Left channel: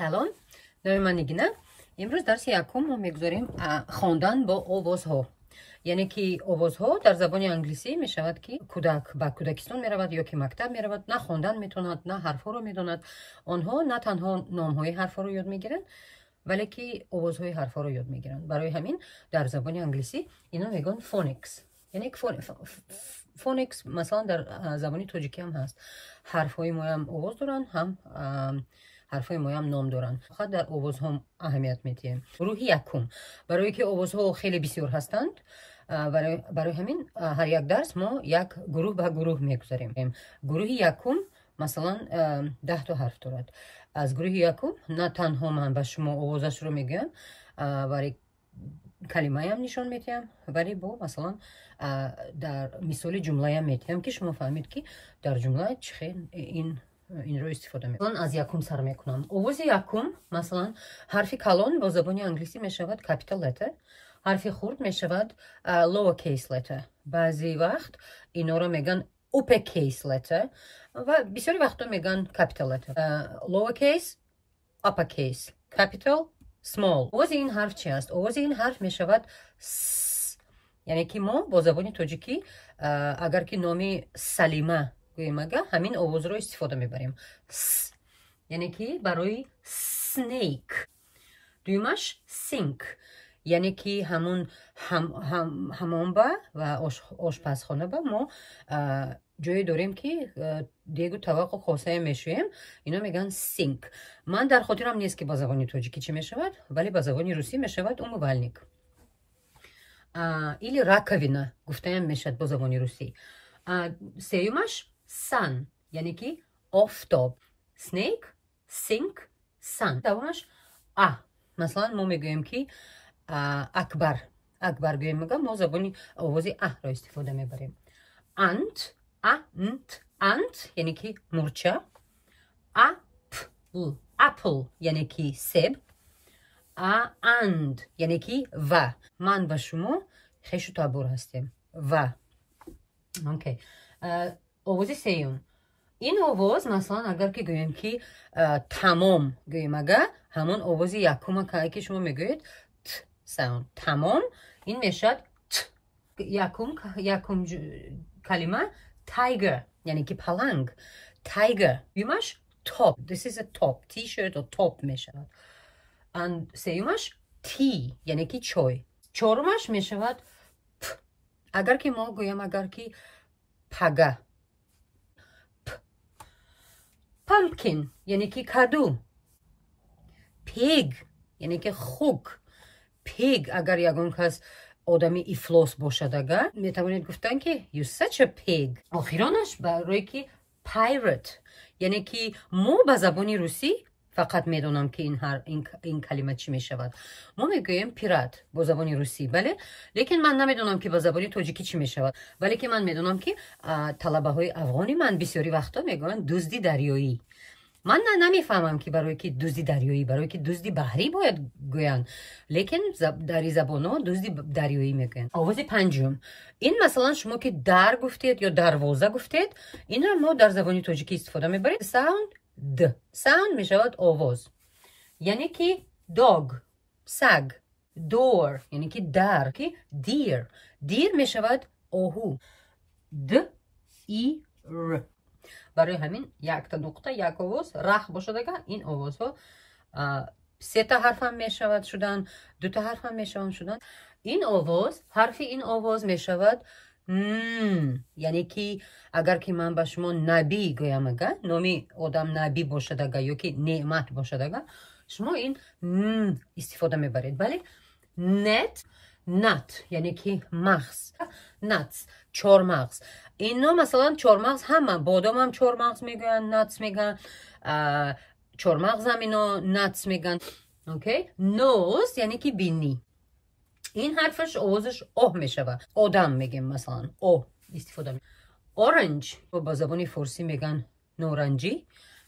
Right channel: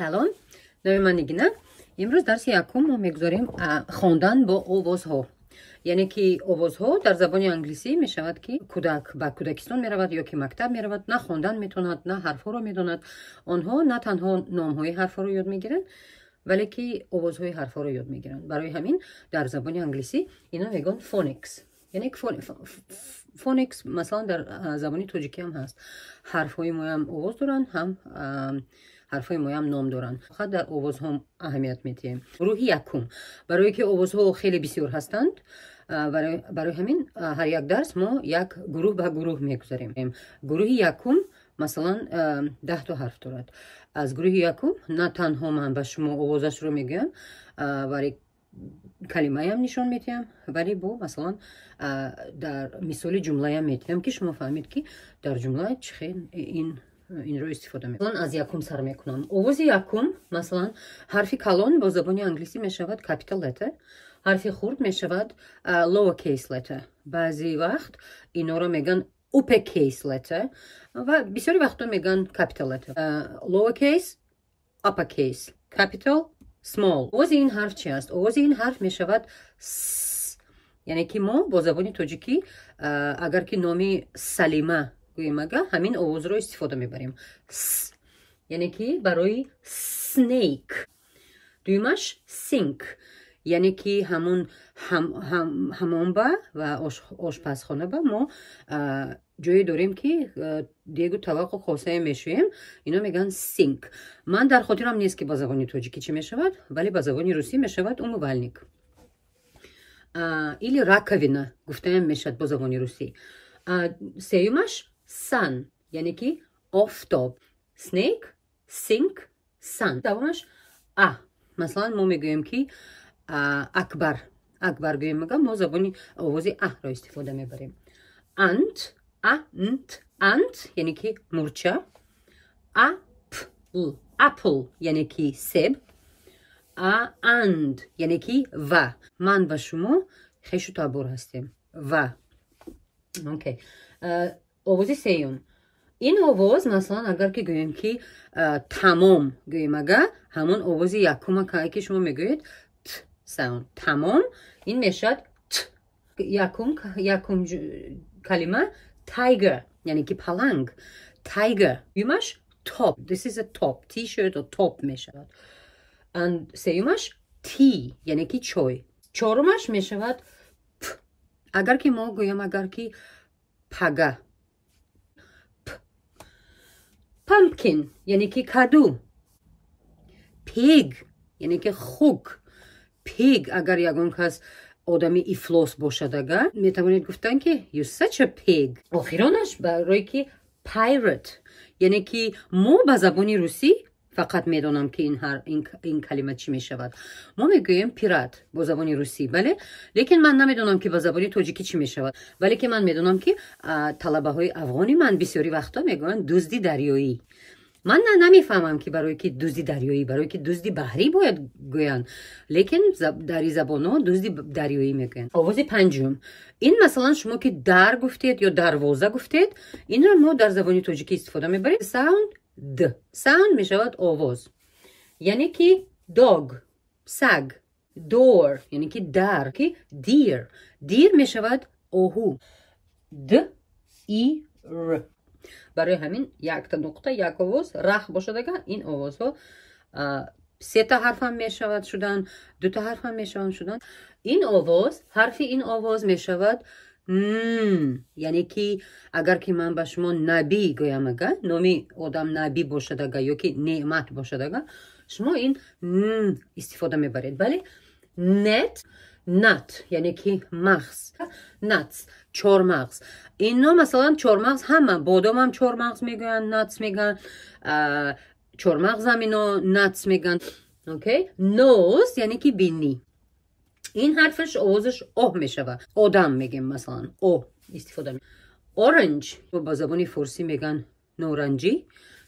سلام، نام من نگینه. امروز درس یکم ما میگذاریم خواندن با آوازها. یعنی که آوازها در زبان انگلیسی می شود که کودک به کودکستان می رود یا که مکتب می رود، نه خواندن می تواند نه حرفها را می داند. آنها نه تنها نامهای حرفها را یاد می گیرند ولی که آوازهای حرفها را یاد می گیرند. برای همین در زبان انگلیسی اینا میگن فونیکس. یعنی فونیکس مثلا در زبان تاجیکی هم هست. حرفهای ما هم آواز دارن، هم حرفای ما هم نام دارن. فقط در آواز هم اهمیت میدیم. گروه یکم، برای که آوازها خیلی بسیار هستند، برای همین هر یک درس ما یک گروه به گروه میگذاریم. گروه یکم مثلا 10 تا حرف دارد. از گروه یکم نه تنها من به شما آوازش رو میگم ولی کلمه هم نشان میدم، ولی با مثلا در مثال جمله هم میدم که شما فهمید که در جمله چه این رو استفاده میکنم. مثلا از یکم سر میکنم. آواز یکم مثلا حرف کلان با زبان انگلیسی میشود کپیتال لتر، حرف خرد میشود لور کیس لتر. بعضی وقت اینا رو میگن اوپر کیس لتر و بسیاری وقتا میگن کپیتال لتر. لور کیس، اپر کیس، کپیتال، small. آواز این حرف چی است؟ آواز این حرف میشود س. یعنی که ما با زبان تاجیکی اگر که نامی سلیمه گوییم همین آواز رو استفاده میبریم. س. یعنی که برای سنیک. دویمش سینک. یعنی که همون همانبه و آشپزخانه با ما جایی داریم که دیگه طبق خاصه میشویم، اینا میگن سینک. من در خاطرم نیست که با زبان تاجیکی چی میشود ولی با زبان روسی میشود умывальник. или раковина گفتم میشد با زبان روسی. سومش sun یعنی که آفتاب. snake، sink، sun. دومش مثلا ما میگویم که اکبر گوییم ما زبان آواز را استفاده میبریم. ant یعنی که مورچه. apple یعنی که سیب. and یعنی که و. من و شما خیش و تابور هستیم و. اوکی. آواز سیوم. این آواز مثلا اگر که گوییم که تمام گوییم همون آواز یکم که شما میگوید ت ساوند. تمام این میشد ت. یکم کلمه tiger یعنی که پلنگ. tiger. یومش top. This is a top. t-shirt or top میشود. and سیومش tea یعنی که چای. چهارمش میشود پ. اگر که ما گویم اگر که پگه. pumpkin یعنی که کدو. pig یعنی که خوک. pig اگر یگون کس آدمی افلاس باشد اگر میتوانید گفتن که you such a pig. آخرانش برای که pirate یعنی که ما به زبان روسی فقط میدونم که این کلمه چی میشود. ما میگویم پیرات با زبان روسی بله، لیکن من نمیدونم که با زبان تاجیکی چی میشود. ولی که من میدونم که طلبه های افغانی من بسیاری وقتا میگوین دزدی دریایی. من نمیفهمم که برای که دزدی دریایی برای که دزدی بحری باید گوین، لیکن در زبان ها دزدی دریایی میگن. آواز پنجم. این مثلا شما که در گفتید یا دروازه گفتید این رو ما در زبان تاجیکی استفاده میبریم. ساوند د. ساوند میشود آواز. یعنی که dog سگ. door یعنی که در. که دیر میشود آهو. د ای ر. برای همین یک تا نقطه یک آواز رخ باشد اگر این آواز ها 3 تا حرف هم می شود شدن، 2 تا حرف هم می شود شدن. این آواز حرف این آواز می شود یعنی که اگر که من به شما نبی گویم اگر نامی آدم نبی باشد اگر یا که نعمت باشد اگر شما این استفاده می برید. ولی نت یعنی که مغز. نتس چهارمغز. اینا مثلا چهارمغز همه بادام هم چهارمغز میگن، نتس میگن، چهارمغز هم اینا نتس میگن. اوکی. نوز یعنی که بینی. این حرفش آوازش اوه میشه. آدم میگیم مثلا اوه استفاده میگن. اورنج با زبان فارسی میگن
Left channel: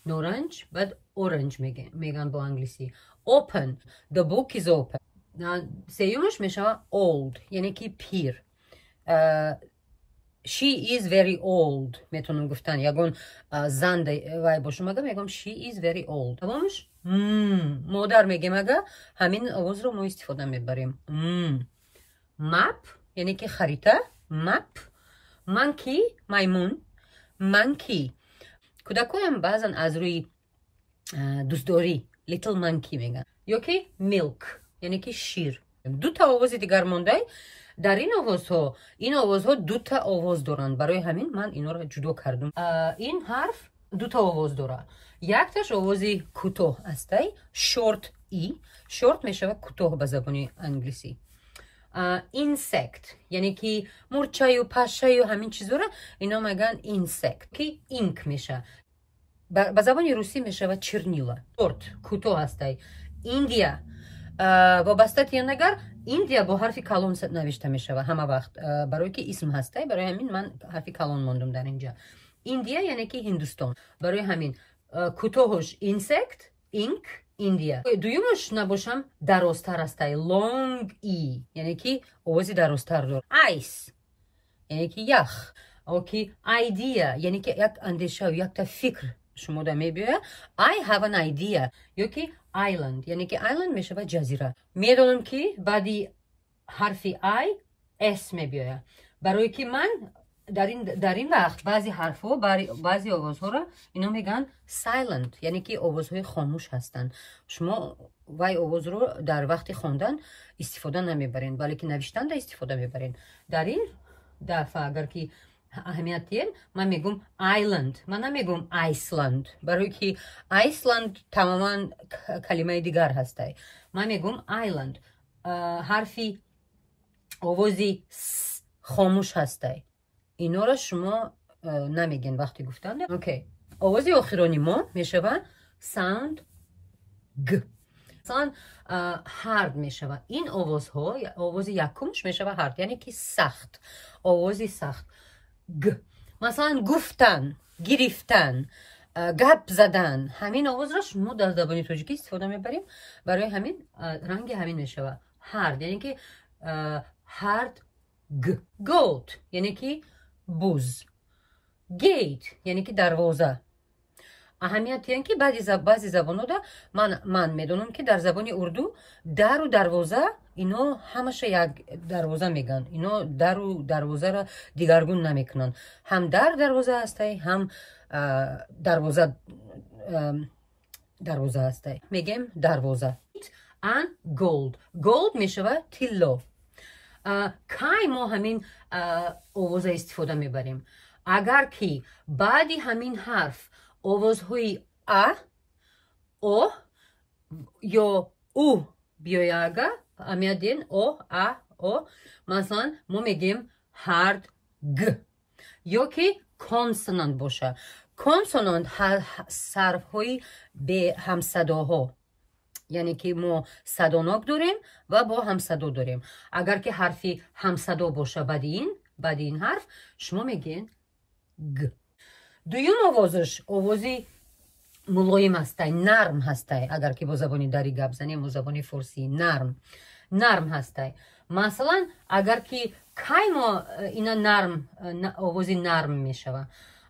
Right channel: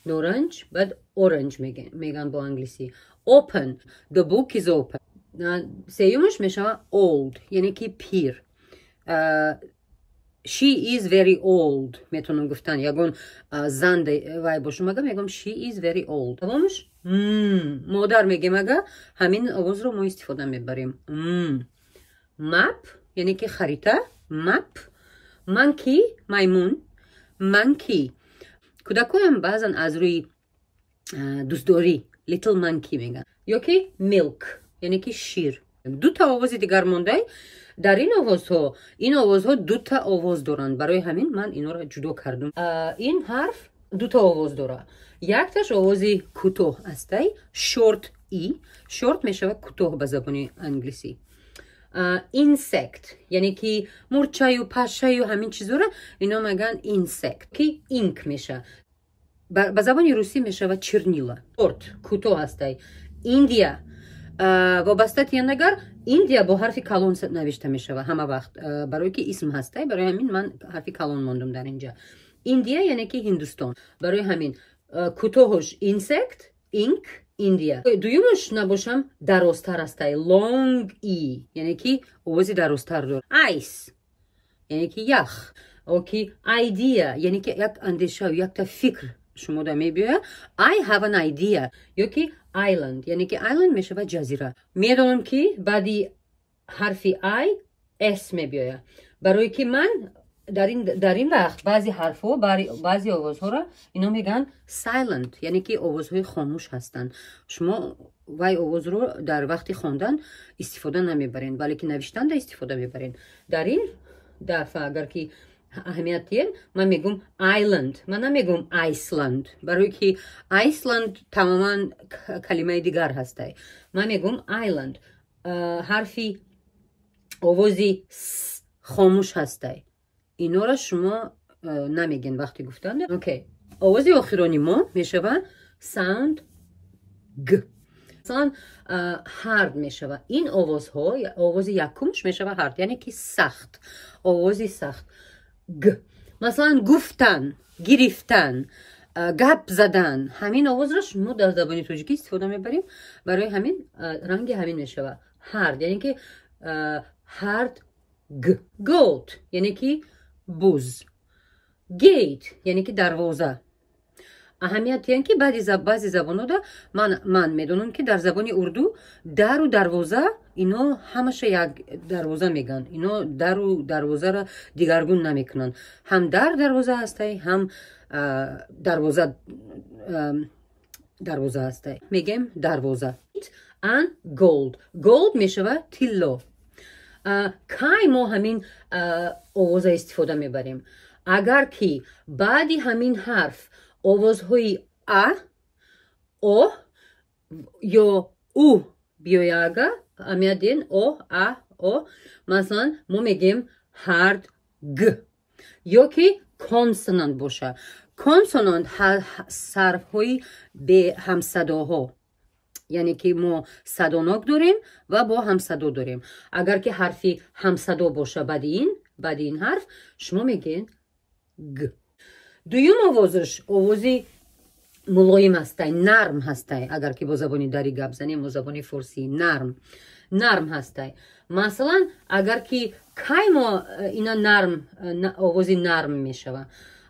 نورنج بعد اورنج میگن با انگلیسی. open the book is open. سیومش میشه old یعنی که پیر. she is very old میتونم گفتن یگون زن وای باشم میگم she is very old. دومش مادر میگیم اگه همین آواز رو ما استفاده میبریم. مپ یعنی که خریطه. مپ. مانکی میمون. مانکی. کودکایم بعضن از روی دوستداری لیتل مانکی میگن. یا که میلک یعنی که شیر. دو تا آواز دیگر مونده. در این آوازها دو تا آواز دارند. برای همین من اینا رو جدا کردم. این حرف دو تا آواز داره. یک تاش آوازی کوتاه است. شورت ای. شورت میشه کوتاه به زبان انگلیسی. اینسکت یعنی که مورچه و پشه و همین چیزا رو اینا میگن اینسکت که اینک میشه. به زبان روسی میشه چرنیلا. شورت کوتاه است. ایندیا وابسته تینگر ایندیا با حرف کلان نوشته میشه همه وقت برای که اسم هسته. برای همین من حرف کلان موندم در اینجا. ایندیا یعنی که هندوستان. برای همین کوتاهش اینسکت اینک ایندیا. دویمش نباشم درازتر است. لونگ ای یعنی که آوازی درازتر داره. آیس یعنی که یخ. اوکی. ایدیا یعنی که یک اندیشه و یک تا فکر شما دا میبیه. I have an idea یا که island یعنی که island میشه و جزیره. میدونم که بعدی حرفی I S میبیه. برای که من در این وقت بعضی حرفها بعضی آوازها را اینا میگن silent یعنی که آوازهای خاموش هستن. شما وای آواز رو در وقت خواندن استفاده نمیبرین بلکه نوشتن دا استفاده میبرین. در این دفعه اگر که اهمیت دید من میگم island. من نمیگم ایسلند برای که ایسلند تماما کلمه دیگر هسته. من میگم island. حرفی آوازی خاموش هسته. اینا را شما نمیگین وقتی گفتن. اوکی. آوازی آخرانی ما میشه sound گ. مثلا هارد میشه. این آوازها آواز یکمش میشه هارد یعنی که سخت. آوازی سخت. گ. مثلا گفتن، گرفتن، گپ زدن. همین آواز را شما در زبان تاجیکی استفاده میبریم. برای همین رنگ همین میشه هارد یعنی که هارد گ. گوت یعنی که بوز. گیت یعنی که دروازه. اهمیت یعنی که بعضی زبان‌ها دا من میدونم که در زبان اردو در و دروازه اینا همشه یک دروازه میگن. اینا در و دروازه را دیگرگون نمیکنن. هم دروازه هسته هم دروازه هسته. میگیم دروازه. and gold میشه تیلا. کای ما همین آواز استفاده میبریم. اگر که بعدی همین حرف آوازهای او یا او بیاید امیدین او مثلا ما میگیم هارد گ. یا که کانسونانت باشه. کانسونانت حرف های به همصداها یعنی که ما صداناک داریم و با همصدا داریم. اگر که حرفی همصدا باشه بعد این حرف شما میگین گ. دویم آوازش آوازی ملایم هسته. نرم هسته. اگر که با زبانی داری گپ زنیم با زبانی فارسی نرم هسته. مثلا اگر که کای ما اینا نرم آوازی نرم میشه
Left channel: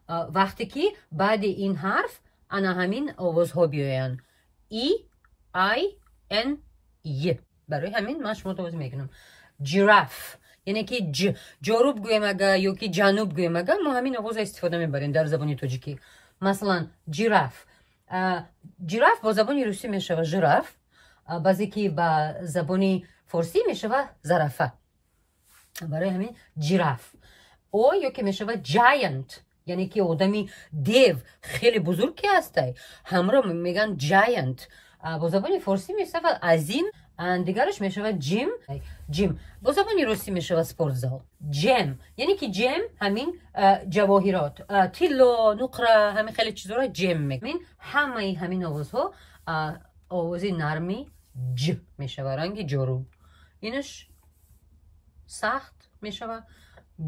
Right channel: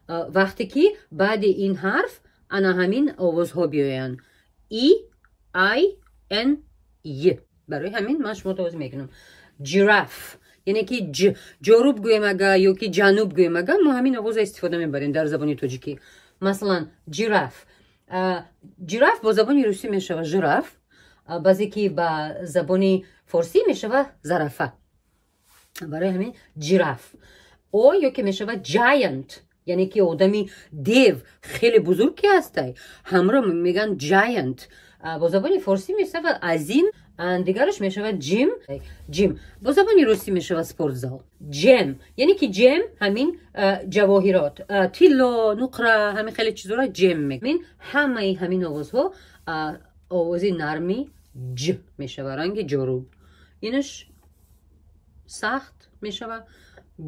وقتی که بعد این حرف انا همین آوازها بیاین. ای ان ی. برای همین من شما توضیح میکنم. جراف یعنی که جنوب گویم اگه یا که جنوب گویم اگه ما همین آواز استفاده میبریم در زبانی تاجیکی. مثلا جراف. جراف با زبانی روسی میشه ژراف. بعضی که با زبانی فارسی میشه زرافه. برای همین جراف. او یا که میشه جاینت یعنی که آدمی دیو خیلی بزرگ که هسته همراه میگن جاینت. با زبانی فارسی میشه عظیم. دیگرش میشه جیم. با زبانی روسی میشه سپورت زال. جم یعنی که جم همین جواهرات تیلا نقره همین خیلی چیزا را جم میگن. همین آوازها آوازی نرمی ج میشه رنگ جروب. اینش سخت میشه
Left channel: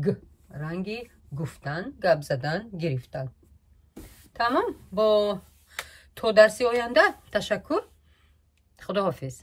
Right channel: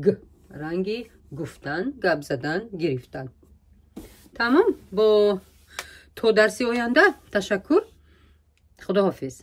گ رنگ گفتن گپ زدن گرفتن. تمام. با تو درسی آینده تشکر. خداحافظ.